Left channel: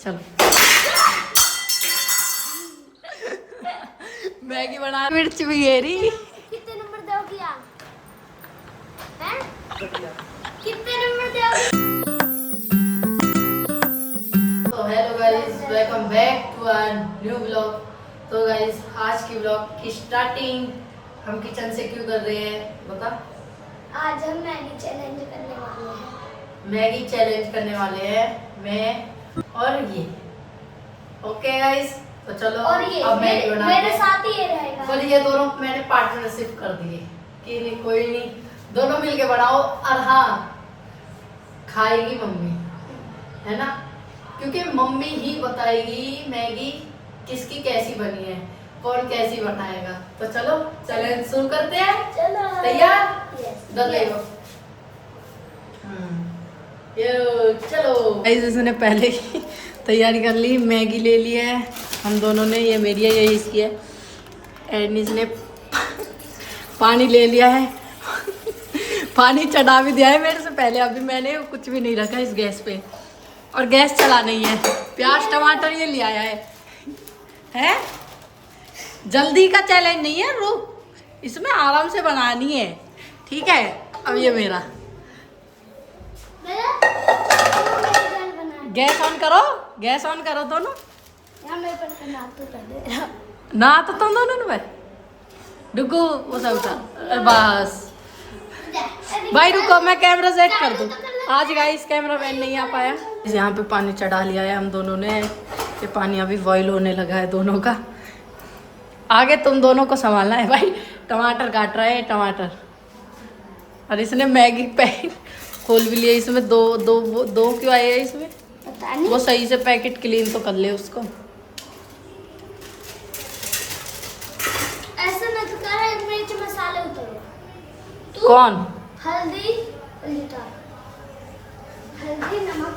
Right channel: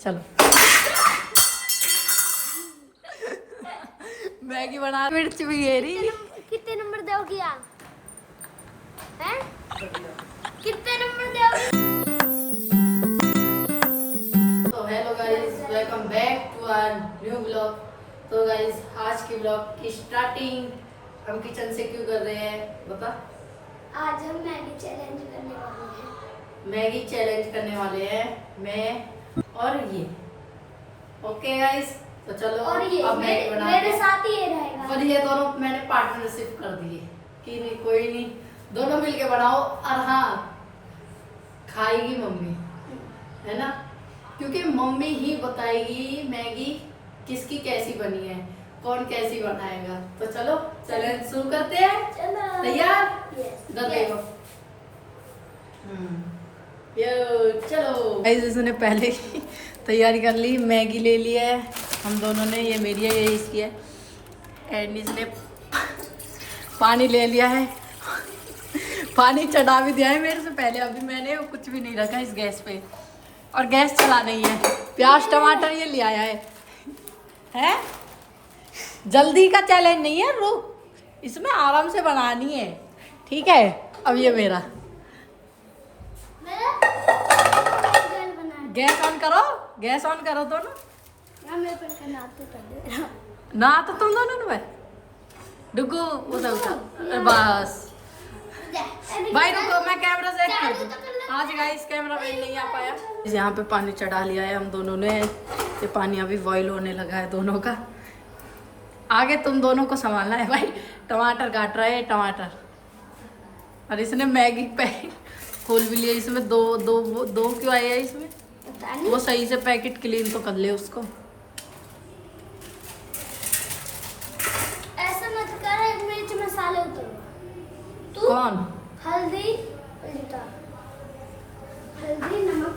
चलो मैगी बना, मिर्च भी घेरी। कितने नंबर दोगी आप? हैं? कितने नंबर दोगी? तो hello guys, welcome back to our new blog. तो गाइस, आज की ब्लॉग की स्टार्टिंग हम किचन से क्यों कर रहे हैं बता। आज हम मैगी चैलेंज करने वाले हैं। मैगी चैलेंज करने वाले हैं मैं और ये। ओके गाइस, तो चलो और ये अब मैगी बनाते मेरे हैं। साथ ही ये रहेगा। पर ये दोनों मैंने पार्टनरशिप कर दिए कि नहीं, कोई नहीं, दोनों मिलके बनाओ। और हाँ, खाएगी मम्मी, है ना, क्योंकि मम्मी ही बताएगी मैगी किसकी कैसी बनी है, कौन कैसी बनाएगा। तो चलो चैलेंज शुरू करते हैं। चलो। तैयार? Yes. डर लगेगा। चलो गाइस, इसने पहले ही तैयारी कर ली, मैगी ले ली है हम दोनों ने, ये मेरी है, ये इसकी है। एंड इसने पानी ले लिया है पानी चढ़ा भी दिया है मेरे से पहले। अभी मैंने कुछ भी नहीं रखा इस गैस पे, और गैस चला नहीं है। प्याज टमाटर ये ले आया है? जल्दी का चैलेंज नहीं है, रुक, इसमें आराम से बनानी है, ठीक है। अब ये मेरा गैस ऑन करो, गैस ऑन करो दोनों। ना तो तुम दोनों ने डुगू उठा उठा, बस भाई रुको, मैं कैमरा सेट कर दूं। आज गाइस कैमरा मैन नहीं आ पाया। यहाँ पे पानी चढ़ा लिया है हम दोनों ने, ये पानी अभी बॉईल होने लगा है दोनों का। आगे तुम दोनों को संभालना है भाई। टमाटर काट रहे हैं, टमाटर, और इसने मैगी पैकेट खोल भी लिया। इसमें दो क्यों आए हैं इसमें? वो सही से पैकेट क्लीन तो कर ले उसको। ऐसे मत कर, मिर्च मसाले उतारो। कौन? हल्दी नमक।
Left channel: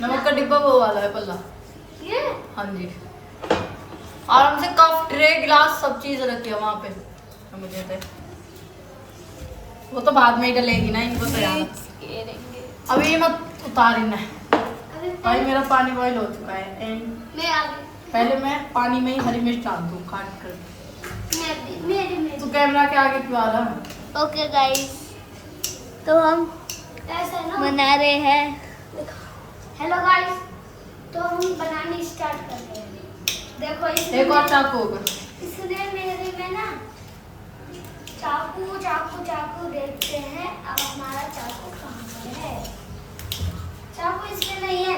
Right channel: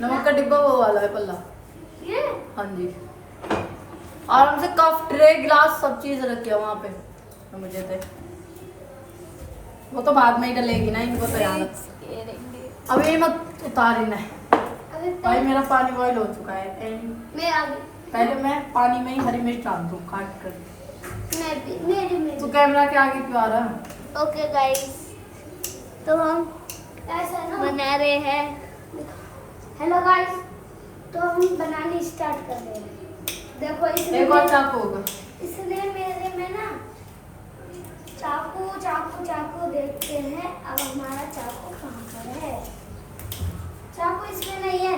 नमक का डिब्बा वो वाला है पल्ला। ये हाँ जी, आराम से कप ट्रे गिलास सब चीज रखी है वहाँ पे। तो मुझे दे, वो तो बाद में ही डलेगी ना, इनको तो अभी मत उतारी ना। भाई मेरा पानी बॉईल हो चुका है। मैं आगे पहले मैं पानी में ही हरी मिर्च डाल दूँ काट कर। मेरी तू कैमरा के आगे क्यों आ रहा? ओके गाइस, तो हम ऐसा बना रहे हैं। हेलो गाइस, तो हम बनाने स्टार्ट कर रहे हैं। देखो एक और चाकू होगा। इसने मेरे में ना चाकू देखते हैं। अब हमारा चाकू कहाँ पर है? चाकू इसमें नहीं है,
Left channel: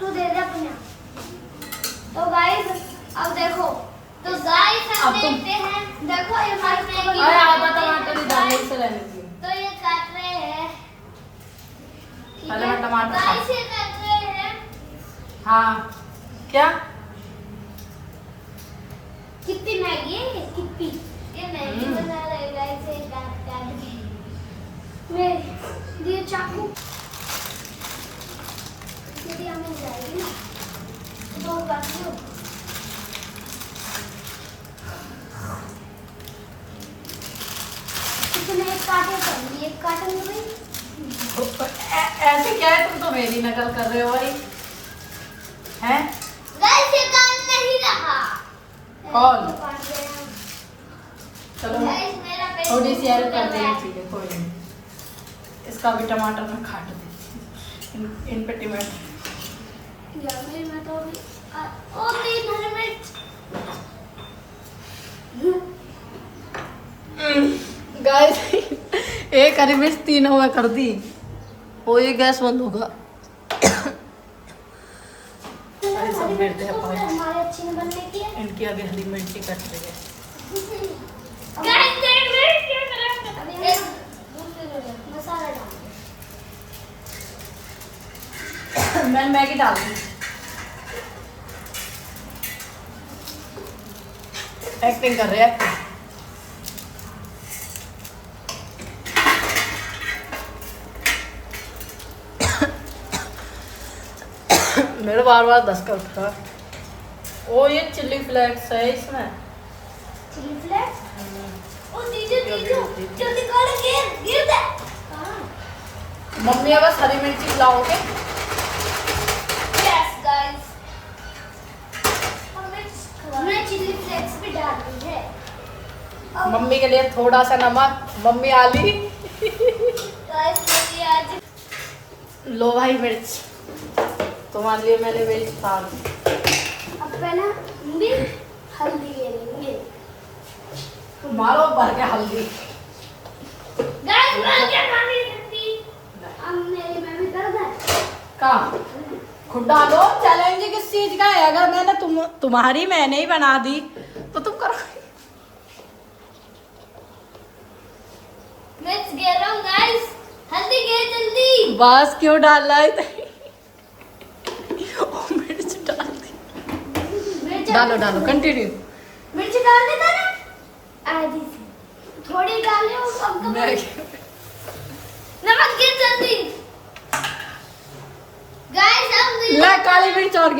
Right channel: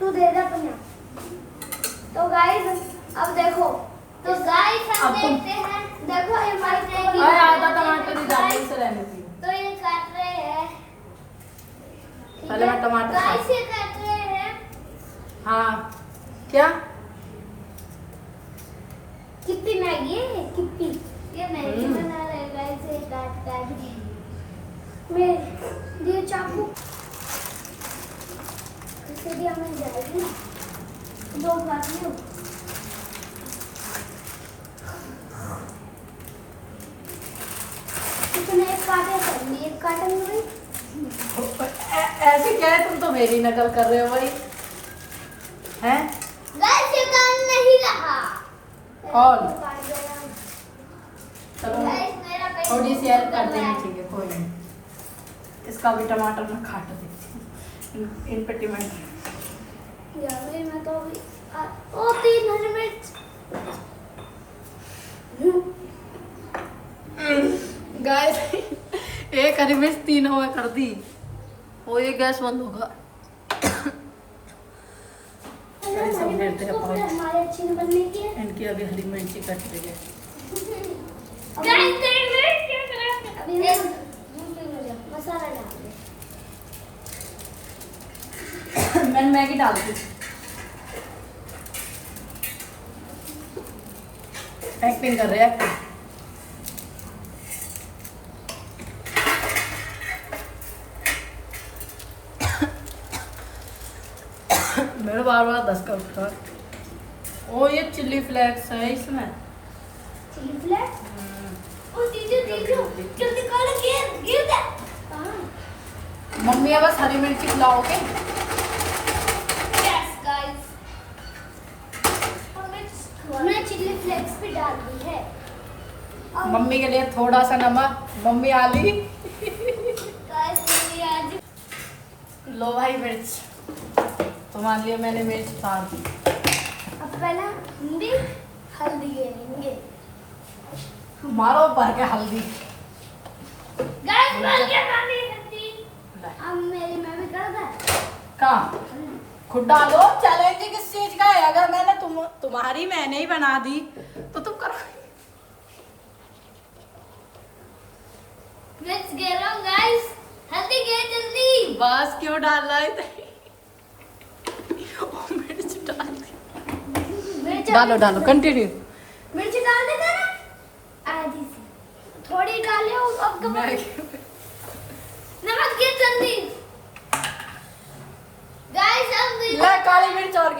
तू दे दे अपना। तो गाइस अब देखो, तो गाइस हम देखते हैं। देखो ये मैगी आधा टमाटर ही डाल इसे लेने से। तो ये काट रहे हैं। पहले मैं टमाटर गाइस ये काट रहे हैं। हाँ क्या? कितनी मैगी है ये? कितनी ये मैगी बना रहे हैं गाइस, ये काट के। मैं ये चाकू इसे दिया मिल जाएगी ना, दो काट लो। इसमें एक काटे कर ली, एक काटन हुई। ऐसे क्या है, तुम तो मेरी नकल कर रहे हो भाई, हैं? गाइस ये काम नहीं रहा। कौन? चलो गाइस मेरा पेट थोड़ी सी हेल्प कर देनी चाहिए, कोई नहीं। इसका भी टमाटर में काट दे, इन पे टमाटर। यार मैं तो अभी ओ 3 हरी मिर्च। गाइस एक हरी मिर्च तीनों में कर दी, वो ये गैस बंद होगा। सब मिर्च है पूरे, हमारे अच्छी बनने की है। इनकी आगे हरी मिर्ची कट रही है। अभी मसाला डाल। मैं मैगी डाल दी, एक्टिंग कर रहे हैं। मेरे बार बार धसका उठा। ओ ये चिल्ली फ्लेक्स है इसमें। Chilli flakes? ओ दीदी जल्दी कर, गिर दे। मम्मी अब बस हरी मिर्ची खिलाओगे। यस गाइस, हमने चिली फ्लेक्स भी डाल दी है। मम्मी के लिए थोड़ा सा नमक, मम्मी आली। गाइस आज लो भाई मिर्च, तुम्हारे लिए मैंने मिर्च डाल दी। अब पहले हम भी हल्दी लेंगे। मारो भर के हल्दी। गाइस मैं क्या खाने लगती, अब मेरी मैं भी कर दे। कहाँ खुद डालो। चैलेंज किस चीज का है? अगर मैंने तुम्हारी मैंने ही बना दी तो तुम करो। मिर्च गिर रहा हूँ गाइस, हल्दी गिर जल्दी। बस क्यों डाल रहा है? मिर्च डाल दी। मिर्च डालो डालो कंटिन्यू। मिर्च डाल देता ना आधी सी, थोड़ी डाली हूँ अब तो नमक गिर जल्दी। गाइस अब ला काली मिर्च और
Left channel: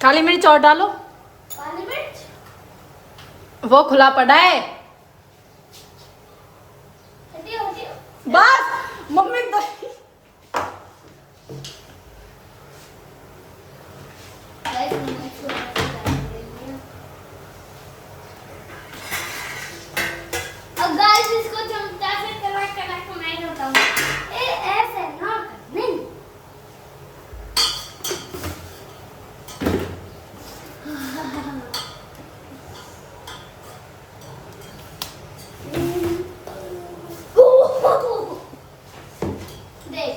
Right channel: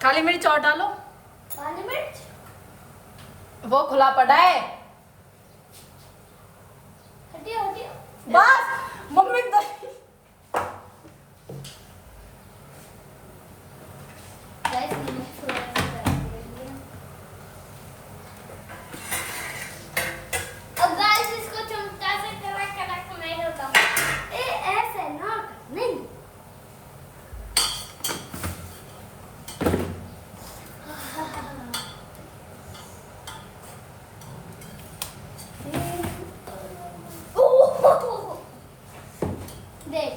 काली मिर्च और डालो। काली मिर्च वो खुला पड़ा है। हटियो हटियो। बस मम्मी तो गाइस मैंने थोड़ा सा डाल दिया। अब गाइस इसको चमचा से कड़क कड़क नहीं होता हूँ। ए ऐसे ना नहीं। देख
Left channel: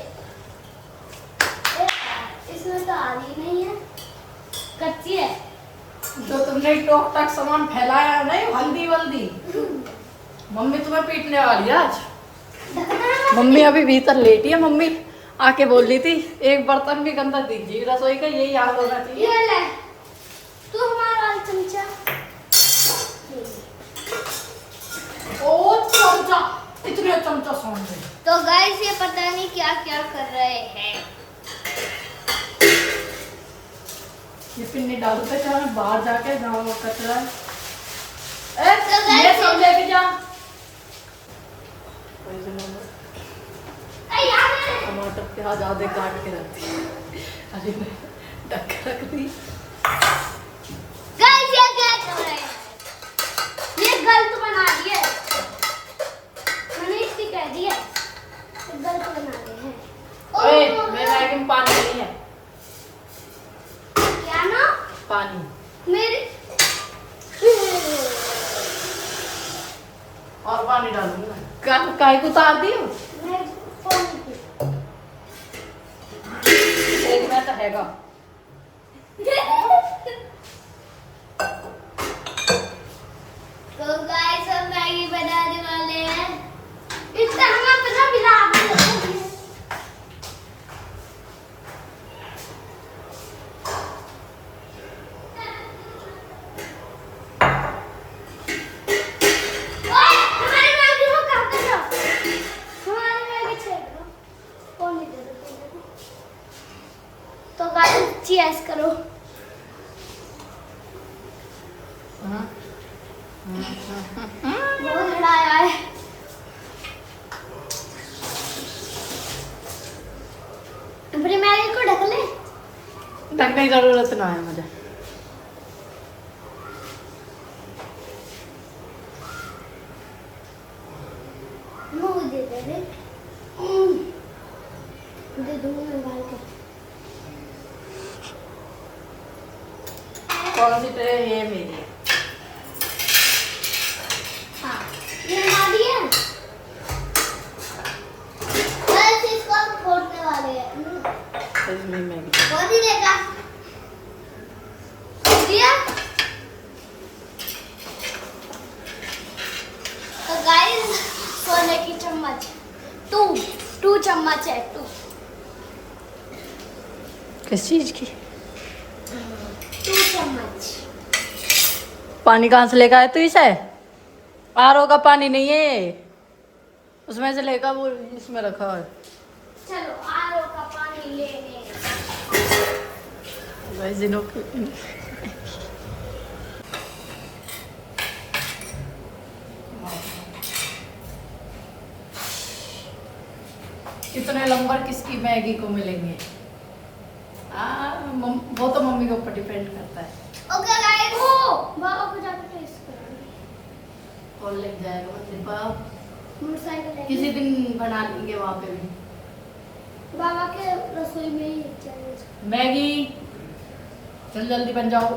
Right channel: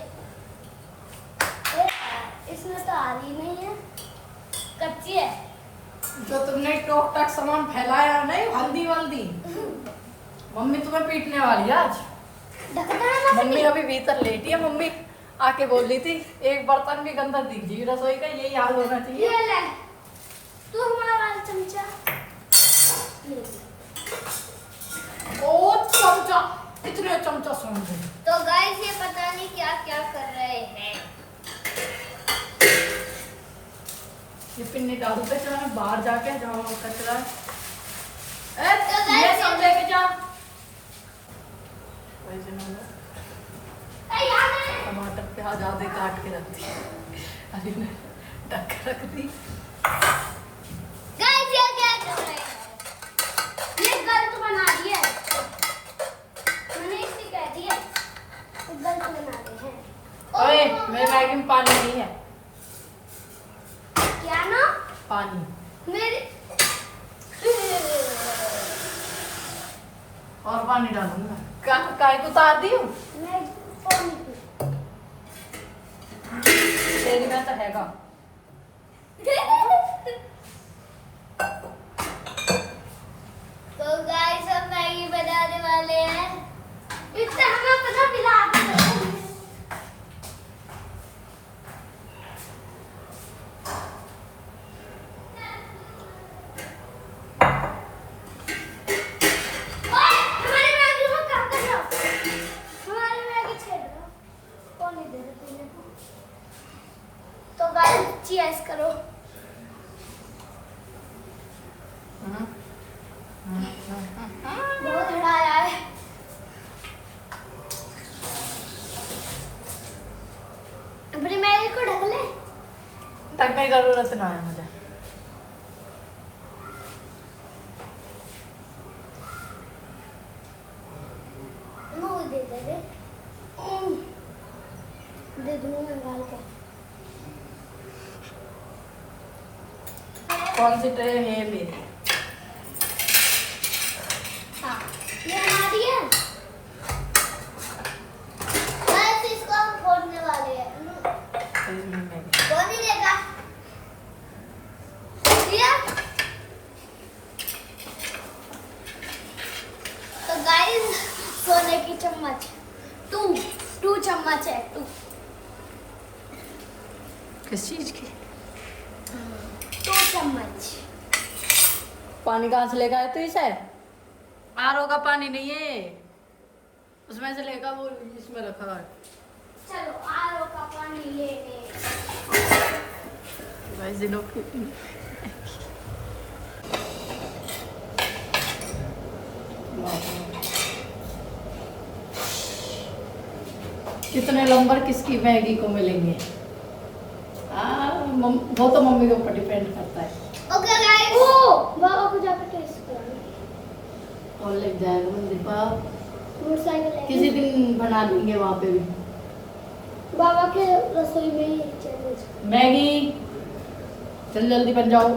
इसमें तो आली नहीं है, कच्ची है। जो तुमने टोक टक सामान फैलाया नहीं, हल्दी वल्दी, मम्मी तुम्हें पीटने वाली है आज। मम्मी अभी भीतर लेटी है। मम्मी आके बोल रही थी एक बर्तन भी गंदा दीजिए रसोई का, यही याद होना चाहिए। ये ले तू हमारा वाला चमचा। ओ चमचा, इतने चमचा सौंप दे। तो गाइस ये पता नहीं क्या क्या कर रहे हैं। ये पिन्नी डालते क्या बाहर जाके गाँव में कचरा। तो guys, ये सब लेके जा। ए यार टमाटर प्याज आधे काट के रख दी, अरे ढक के रख दी। गाइस ये क्या कर रहे हैं? ये गलत बना दिया है। मैंने इसकी कह दिया गलत बना दिए हैं। ओए मेरे बैग में पानी नहीं है। क्या ना पानी मेरी और पानी डालूंगा। काहे को उतार दी हो? मैं फोन तेरी में तो हैगा। तो गाइस अब मैगी बनाने वाले हैं। इतना हमें पता मिला तो गाइस चीयर्स करो। बहुत हड़ाया है। अपनी मैगी को ढक ले। ढकने की जरूरत ना है मुझे। मुंह दे दे रे। दे दो मैं डाल के। कौन सी ट्रे है मेरी? हाँ ये हमारी है। बस इसको हम फोड़ने वाले हैं। इसमें मैगी बहुत ही देगा दिया। तो गाइस सोने की चम्मच टू चम्मच है। किस चीज की? 2 चम्मच। पानी कहाँ से लेकर आए तू इसे? आरओ का पानी नहीं है, उसमें से लेकर वो इसमें रखा है। चलो आरओ का पानी लेने। गाइस जिनो की कितने नंबर किसकी मैगी को मिलेंगे। वो तो मम्मी के ऊपर डिपेंड करता है। ओके गाइस, ओ बाबा को जाकर टेस्ट करो। और लग जाएगा मंदिर पर, मोटरसाइकिल किसी दिन बना लेंगे वहाँ पे भी बाबा के रसोई में ही चैलेंज। मैगी। जल्दी जल्दी बन जाओ।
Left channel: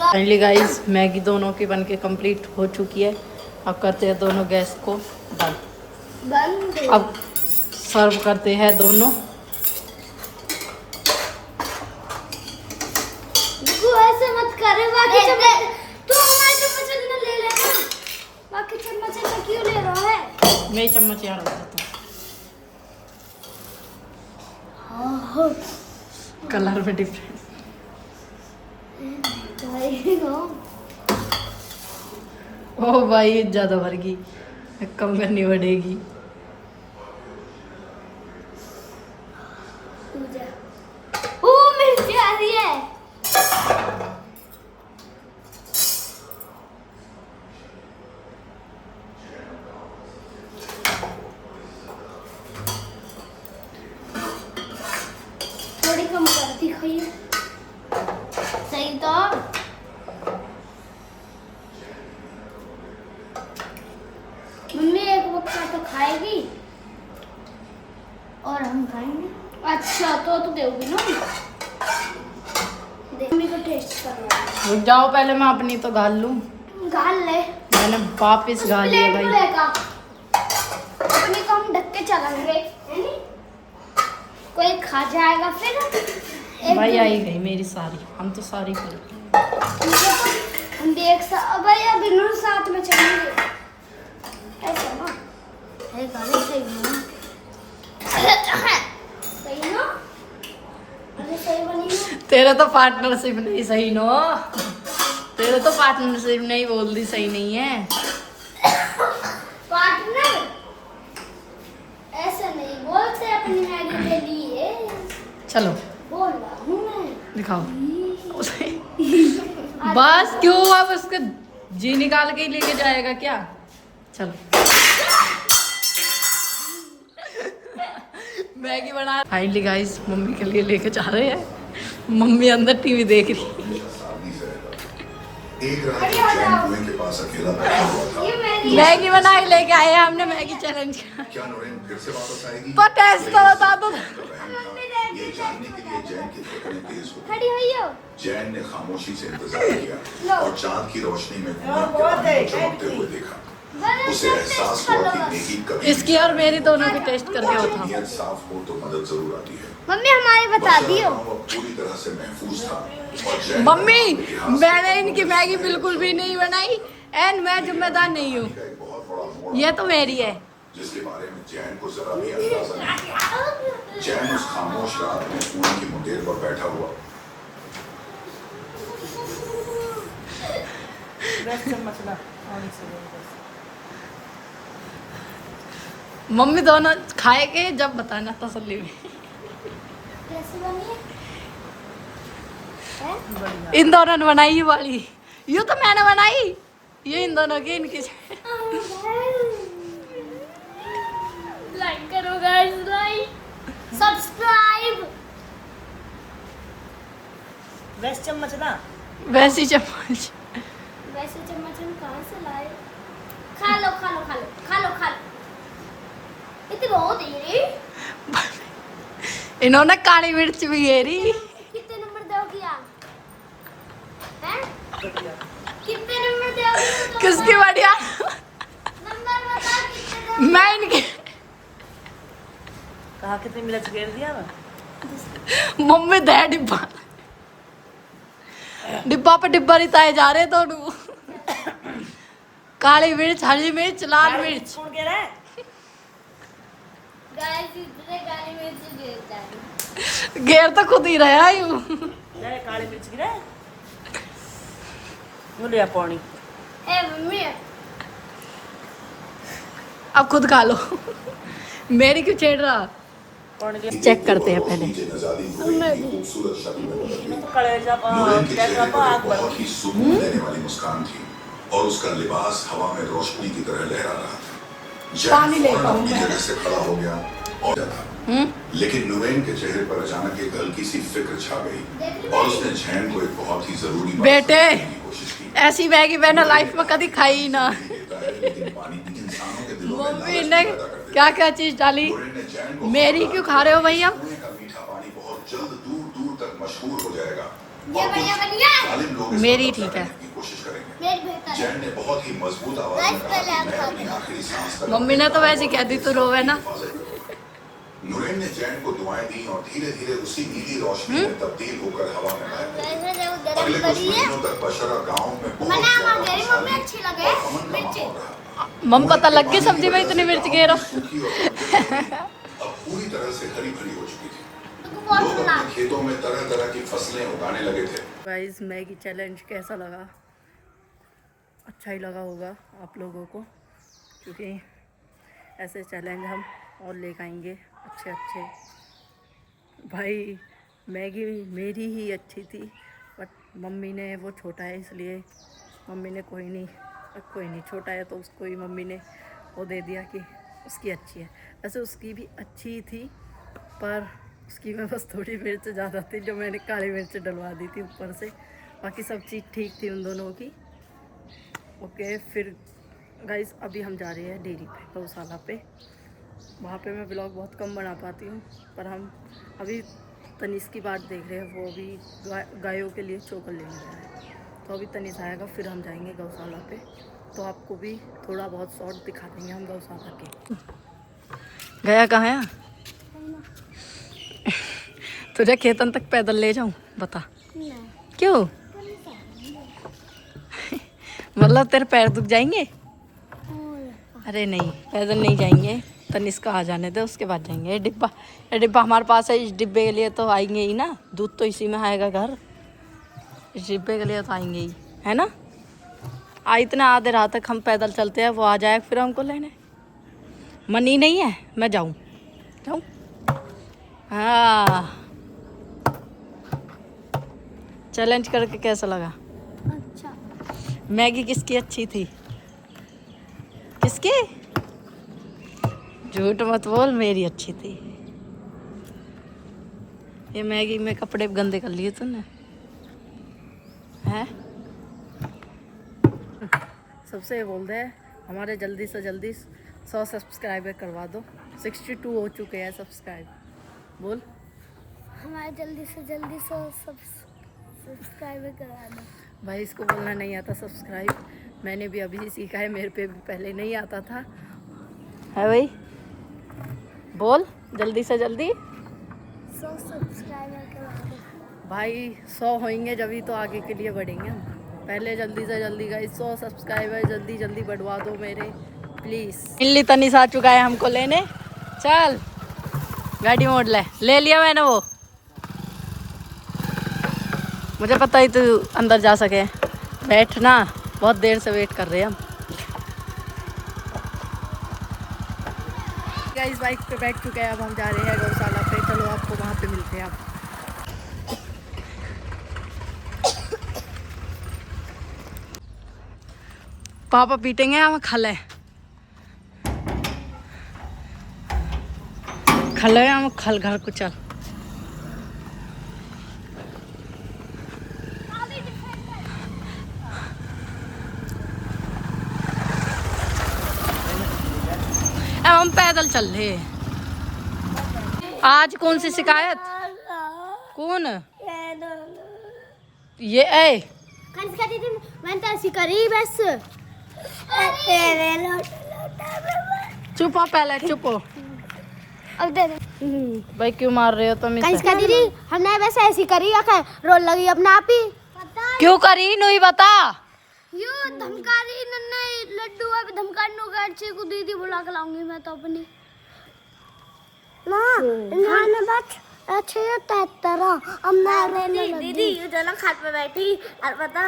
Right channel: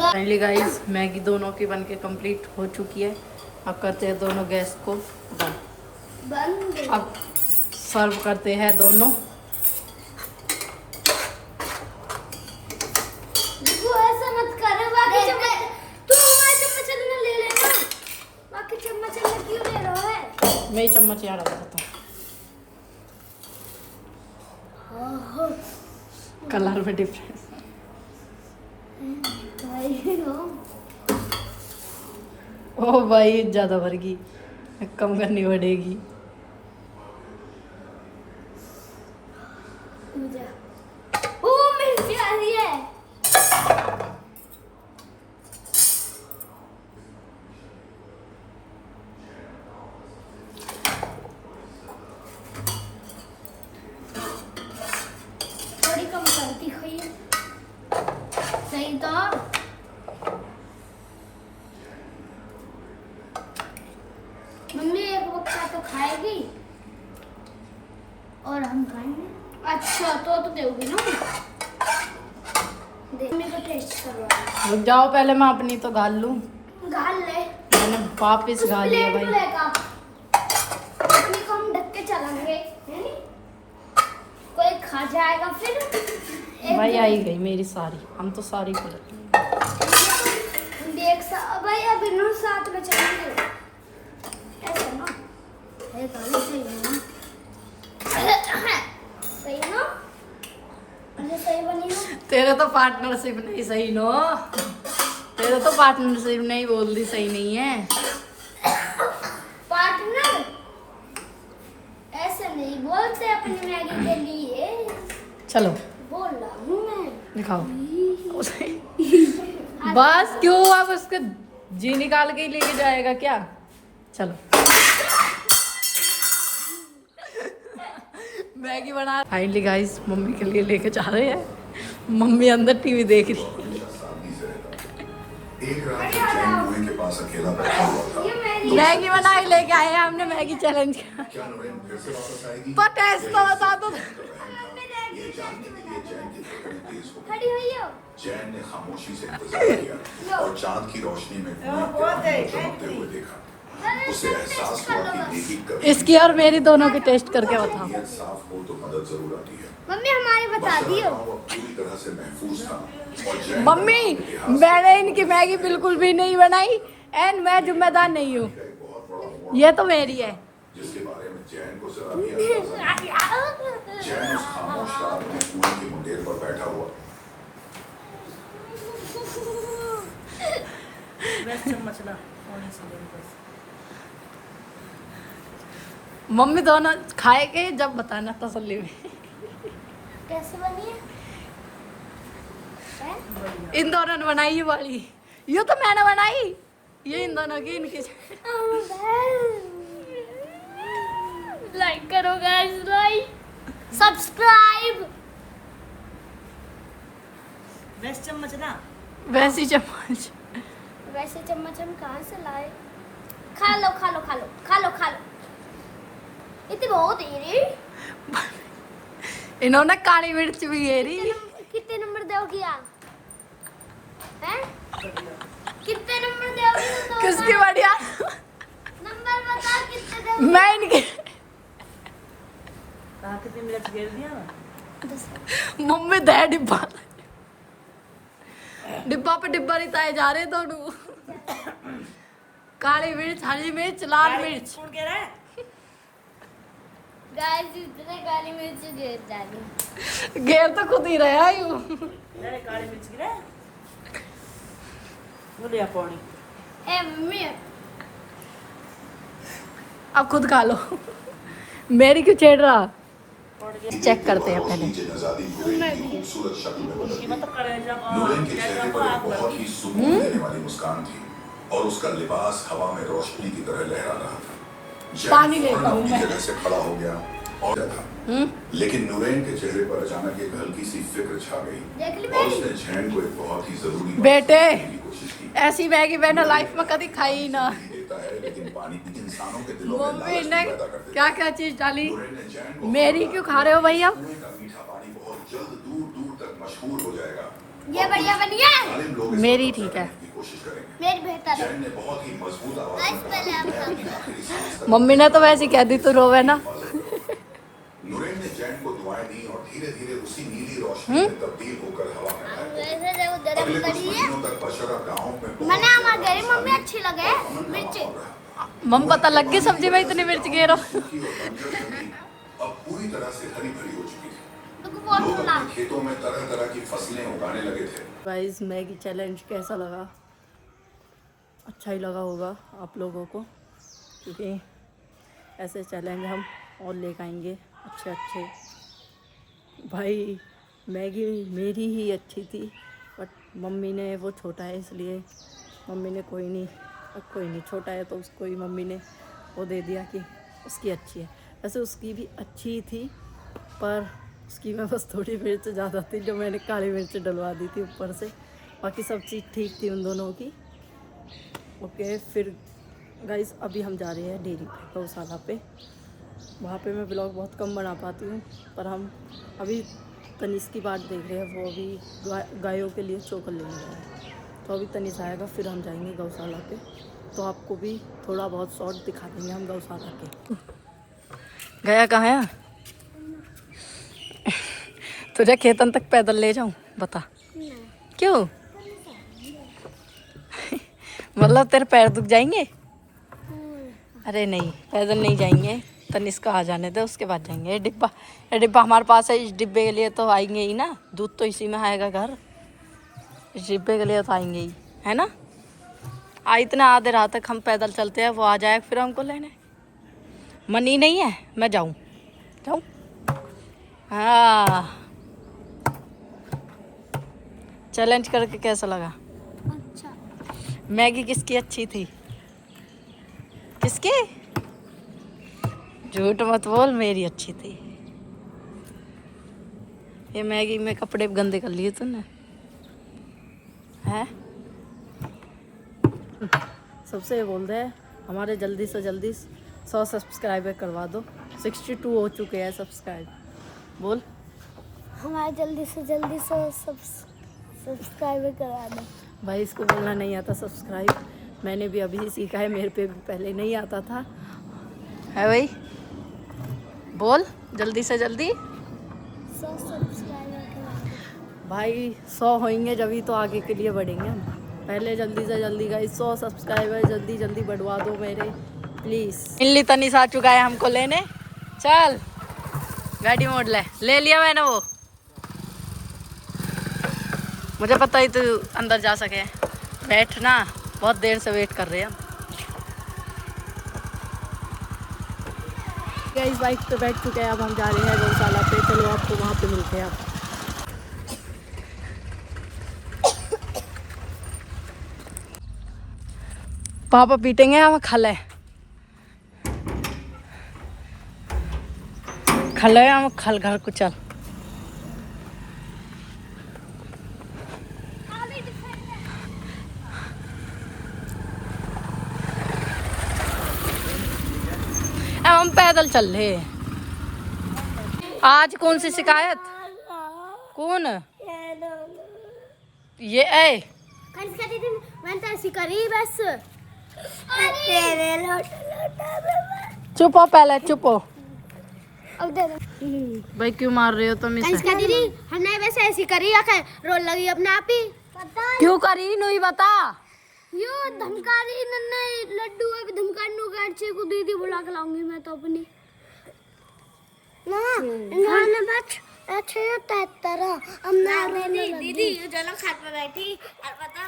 फाइनली गाइस मैगी दोनों की बनके कंप्लीट हो चुकी है। अब करते हैं दोनों गैस को बंद। अब सर्व करते हैं दोनों। तू ऐसे मत कर, बाकी चम्मच तू हमारे चम्मच ना ले लेना। बाकी चम्मच में क्यों ले रहा है? मैं ही चम्मच यहाँ डाल देता हूँ। कलर में डिफरेंस। ओ भाई ज्यादा भर गई, कम करनी पड़ेगी। ओ मिर्ची आ रही है। थोड़ी कम कर दी खाई। सही तो मम्मी एक बक्सा तो खाएगी और हम खाएंगे। अच्छा तो दोगे ना? मम्मी को टेस्ट करवा। रुक जाओ, पहले मैं अपनी तो गाल लूं। गाल ले। मैंने वापिस गाल लिया भाई। अपनी को हम ढक के चलेंगे, है नी? कोई खा जाएगा फिर। भाई आई गई मेरी सारी, हम तो सारी कर हम देख भाई अभी नूर साथ में चलेंगे। ऐसे ना है गाली सही ना? सही ना? अरे सही बनी ना? तेरे तो पार्टनरशिप नहीं सही नो। तेरे तो पार्टनरशिप नहीं बोल दी सही नहीं है। पार्टनर ऐसे नहीं बोलते अपनी मैगी के लिए। चलो बोल रहा हूँ मैं। दिखाओ। बस क्यों, अब उसका जी निकाल के ही लेके जाएगा क्या? चलो मैगी बना। फाइनली गाइस मम्मी के लिए लेके जा रहे हैं। मम्मी अंदर टीवी देख रही है। एक रात जब जैन कुएं के पास अकेला बैठा हुआ था। ये मेरी मैगी बना के लेके आए हैं हमने। मैगी चैलेंज क्या नोरेन फिर से वापस आएगी? पर टेस्ट तो बता दो। ये जानने के लिए जैन की धड़कनें तेज हो गईं। खड़ी हुई हो। जैन ने खामोशी से इंतजार किया और चांद की रोशनी में कुएं के पानी को चमकते हुए देखा। उसे एहसास हुआ कि मैगी कभी इसकी और मेरी दोनों की टेस्ट करके बताओ। नीयत साफ हो तो मदद जरूर आती है। मम्मी हमारी बता दियो। पूरी तरह से महफूज था और जैन मम्मी मैंने इनकी मैगी बिल्कुल भी नहीं बनाई एंड मैं जिम्मेदार नहीं हूँ। का एक बहुत बड़ा मोड़ ये तो मेरी है। जिसके बारे में जैन को जरा भी अंदाजा नहीं। जैन उस खामोश रात में कुएं की मुंडेर पर बैठा हुआ। मम्मी दोनों खाएंगे जब बताना तसल्ली में। कैसे बनी है? इन दोनों ने बनाई ये वाली। ये तो मैंने बनाई। ये इन दोनों की, इनकी। लाइक करो गाइस, लाइक सब्सक्राइब। वैसे चम्मच ना वैसी चम्मच। वैसे चम्मच हम कहाँ से लाए? खा लो खा लो खा लो खा लो खा लो। इतनी बहुत है रे। इन्होंने काली मिर्च भी घेरी। कितने नंबर दोगी आप? हैं? कितने नंबर दोगी? किसकी बढ़िया? नंबर बता कितने दोगी? मैं इनके कहा कितनी मिर्च घेर दिया मैं। मम्मी दे डिब्बा। डिब्बा पे डिब्बा रिताए जा रहे दोनों। काली मिर्च, हरी मिर्च, लाल मिर्च। कौन कह रहा है? गाइस इतने काली मिर्च गिर जाएगी। घेर तो खुद ही रहा यूं। नहीं काली मिर्च गिरा है। वो ले आ पानी। ए मम्मी अब खुद खा लो। मेरी क्यों छेड़ रहा? चेक करते हैं पहले। खूबसूरत शक्ल में बदल गई। मतलब कलेजा नुरैन के चेहरे पर आग एक बहुत ही सुकून देने वाली मुस्कान थी और उसका लिबास हवा में रोशनी की तरह लहरा रहा था। पानी ले फौरन पाऊं अपनी मैं। जगह से खड़ा हो गया और डरा। लेकिन नुरैन के चेहरे पर अचानक एक हल्की सी फिक्र छा गई और उसने जैन को एक बहुत ही जरूरी बात बेटे, समझाने की कोशिश की। ऐसी मैगी मैंने लाइफ में कभी खाई ही ना। देता है, लेकिन पानी भी इंसानों के दिलों में मम्मी लालच ने पैदा कर देता क्या है। क्या चीज डाली। नुरैन ने जैन को मेरी क्यों खा रहे हो भैया? कुएं का मीठा पानी बहुत जल्द दूर दूर तक मशहूर हो जाएगा। ये और बढ़िया कुछ बढ़िया। जालिम लोग इस मेरी पर ठीक है। करने की कोशिश करेंगे। मेरी बेहतर है। जैन ने बहुत ही मजबूत आवाज में कहा कि मैं अपनी आखिरी सांस तक मम्मी ने तो वैसे ही कह दी तू रोवे ना। नुरैन ने जैन को दुआएं दी और धीरे धीरे उसी नीली रोशनी में तब्दील होकर हवा में गायब हो गई। वैसे जो गरम अगले कुछ करी है महीनों तक बशरा गांव में बहुत मैंने ज्यादा हमारे गरी खुशहाली मम्मी अच्छी लगे और अमन का मिर्ची। माहौल रहा। मम पता लग गई सब्जी में इतनी मिर्च गिरो। सूखी और बंजर जमीन अब पूरी तरह से हरी भरी हो चुकी थी। तुमको बहुत लोग सुना। अपने खेतों में तरह तरह की फसलें उगाने लगे थे। गाइस मैगी चैलेंज कैसा लगा? अच्छा ही लगा होगा आप लोगों को, क्योंकि ऐसे चैलेंज हम और लेकर आएंगे अच्छे अच्छे। भाई मैगी मेरी ही अच्छी थी, बट मम्मी ने, वो छोटा है इसलिए मम्मी ने कोई नहीं छोटा है तो उसको ही मम्मी ने वो दे दिया कि उसकी अच्छी है। वैसे उसकी भी अच्छी थी, पर उसकी में बस थोड़ी मिर्च ज़्यादा थी जो मैंने काली मिर्च डलवा दी थी ऊपर से। बाकी सब चीज़ ठीक थी उन दोनों की। ओके, फिर गाइस अभी हम जा रहे हैं डेयरी पे, गौशाला पे। वहाँ पे मैं ब्लॉग बहुत कम बना पाती हूँ, पर हम अभी तनीष की बात देख रहे हैं। वो अभी गायों के लिए चोकर लेने गया है, तो अभी तनीष आएगा फिर हम जाएंगे गौशाला पे। तो आपको भी थोड़ा बहुत शॉर्ट दिखा देंगे हम गौशाला के। गया कहाँ है? तुझे खेतन तक पैदल ले जाऊँ? बता क्यों? मतलब तेरे पैर दुख जाएंगे? अरे नहीं, पैदल नहीं जाएंगे। तनिष का आ जाने दे, उसके बाद जाएंगे। ये डिब्बा हमारे पास है। इस डिब्बे के लिए तो आएंगे ही ना, दूध तो इसी में आएगा घर। इस डिब्बे के लिए तो आएंगे ही, है ना? इतना आधे रात तक हम पैदल चलते हैं, वो आ जाए फिर हमको लेने। मन ही नहीं है मैं जाऊँ। हाँ, चैलेंज करके कैसा लगा? अच्छा। मैगी किसकी अच्छी थी? किसकी? झूठ मत बोल, मेरी अच्छी थी। ये मैगी में कपड़े गंदे कर लिए तूने, हैं? सबसे ये बोल दे हमारे जल्दी से जल्दी 100 सब्सक्राइबर करवा दो। 62 हो चुके हैं सब्सक्राइब। बोल। हमारे जल्दी से जल्दी सब्सक्राइबर करा दो। भाई इसको बोलना नहीं आता सब्सक्राइब, मैंने भी अभी सीखा है, मेरे पे भी पहले नहीं आता था। है भाई, बोल जल्दी से जल्दी। 100 सब्सक्राइबर करा दो भाई 100 होंगे जभी तो आगे के लिए बढ़ेंगे हम। पहले जल्दी से जल्दी गाइस 100 सब्सक्राइबर जल्दी जल्दी बढ़वा दो मेरे, प्लीज़। मिल्ली तनिष आ चुका है हमको लेने। चल गाड़ी मोड़ ले लिया मैंने वो। मुझे पता ही तू अंदर जा सके। बैठ ना, बहुत देर से वेट कर रहे हैं हम। इस बाइक पे बैठ चुके हैं, अब हम जा रहे हैं गौशाला पे। चलो आपको वहाँ पे मिलते हैं अब। पापा पीटेंगे हम खले हम खल घर को। चल अब हम पैदल चल रहे हैं। आज कौन सी शिकायत? कौन ये? मैंने तो ऐसी करी बस। चुप हो पहले, चुप हो। अब दे भाई क्यों मार रहे हो तुम इसे? कनिष्का दीदी हमने वैसे ऐसी करी आकर रोल लगी अपना आप ही। क्यों करी नहीं बता। यो धमका रही नन्ना लड्डू अभी धमकाने गाड़ी को दीदी बुला के लाऊंगी मैं तो अपनी ना गाना बच अच्छे तेरा हमने दीदी ये जो ना खाट पे बैठी और पता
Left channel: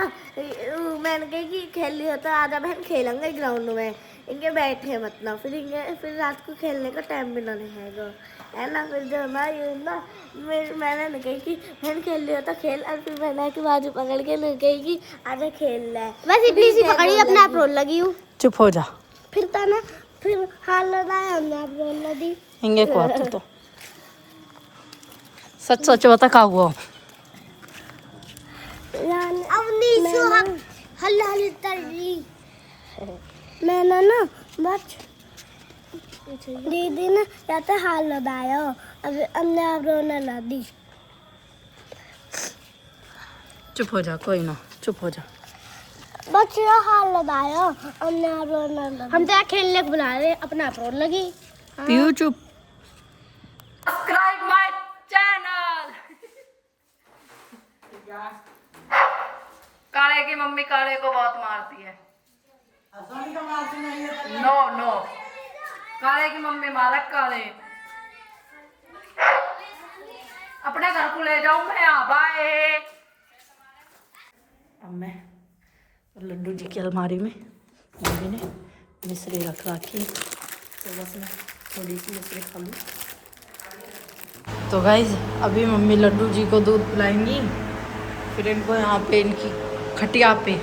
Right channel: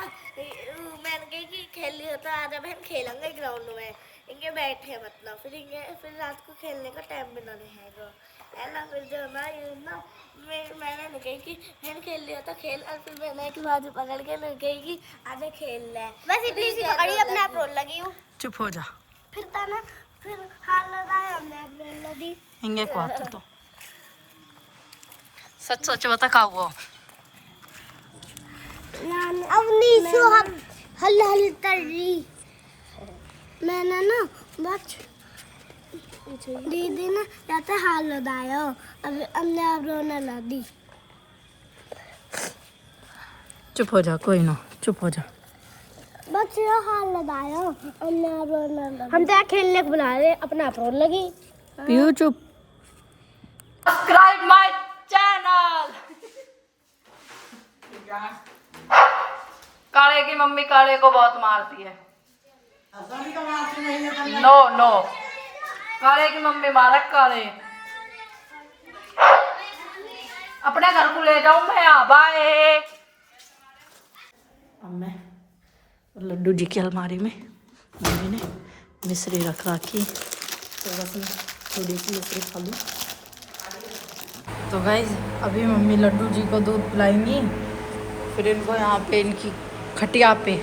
मैंने कही कि खेल लिया तो आजा बहन खेलेंगे ग्राउंड में। इनके बैठे मतलब फिर रात को खेलने का टाइम भी ना रहेगा। है ना। फिर जो ना ये ना मैंने न कही कि मैंने खेल लिया तो खेल, और फिर मैंने की बाजू पकड़ के न कही कि आजा खेल ले, बस इतनी सी पकड़ी अपने आप रोल लगी हूँ। चुप हो जा। फिर था ना, फिर हाल लगाया हमने आप रोल लगी हिंगे को आता तो सच सच बता का हुआ। अब नीसू हल्ला हल्ली तरी मैंने ना बस दीदी ने जाते हाल लगाया, अब हमने आप रोना ला दी। चुप हो जा, कोई ना चुप हो जा। बस ये हाल लगाया हमने आप रोना ला दी। हम तो खेलने को बना रहे, अपना आप रोन लगी। पीयू चुप। Subscribe my channel. काले की मम्मी काले को बहुत मारती है। नो नो, काले की मम्मी मारा काले। अपने घर को ले जाऊं मैं, बाय। अब मैं लड्डू जी की अलमारी में मम्मी ने मिश्री रख रखी, तो बस मैं थोड़ी सी मिश्री खा लूँ। तो गाइस अभी मम्मी लड्डू जी को दूध पिलाएंगी, फिर इनको यहाँ पे इनकी खटिया पे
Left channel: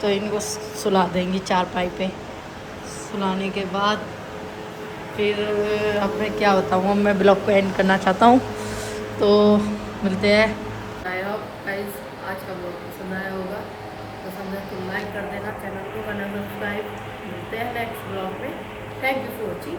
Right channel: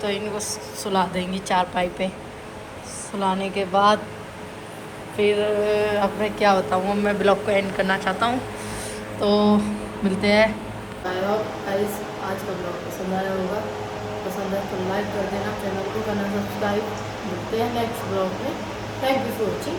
तो इनको सुला देंगी चारपाई पे। सुलाने के बाद फिर अब मैं क्या बताऊँ, अब मैं ब्लॉग को एंड करना चाहता हूँ, तो मिलते हैं। आई होप गाइस आज का ब्लॉग पसंद आया होगा, पसंद है तो लाइक कर देना, चैनल को करना सब्सक्राइब। मिलते हैं नेक्स्ट ब्लॉग में। Thank you for watching.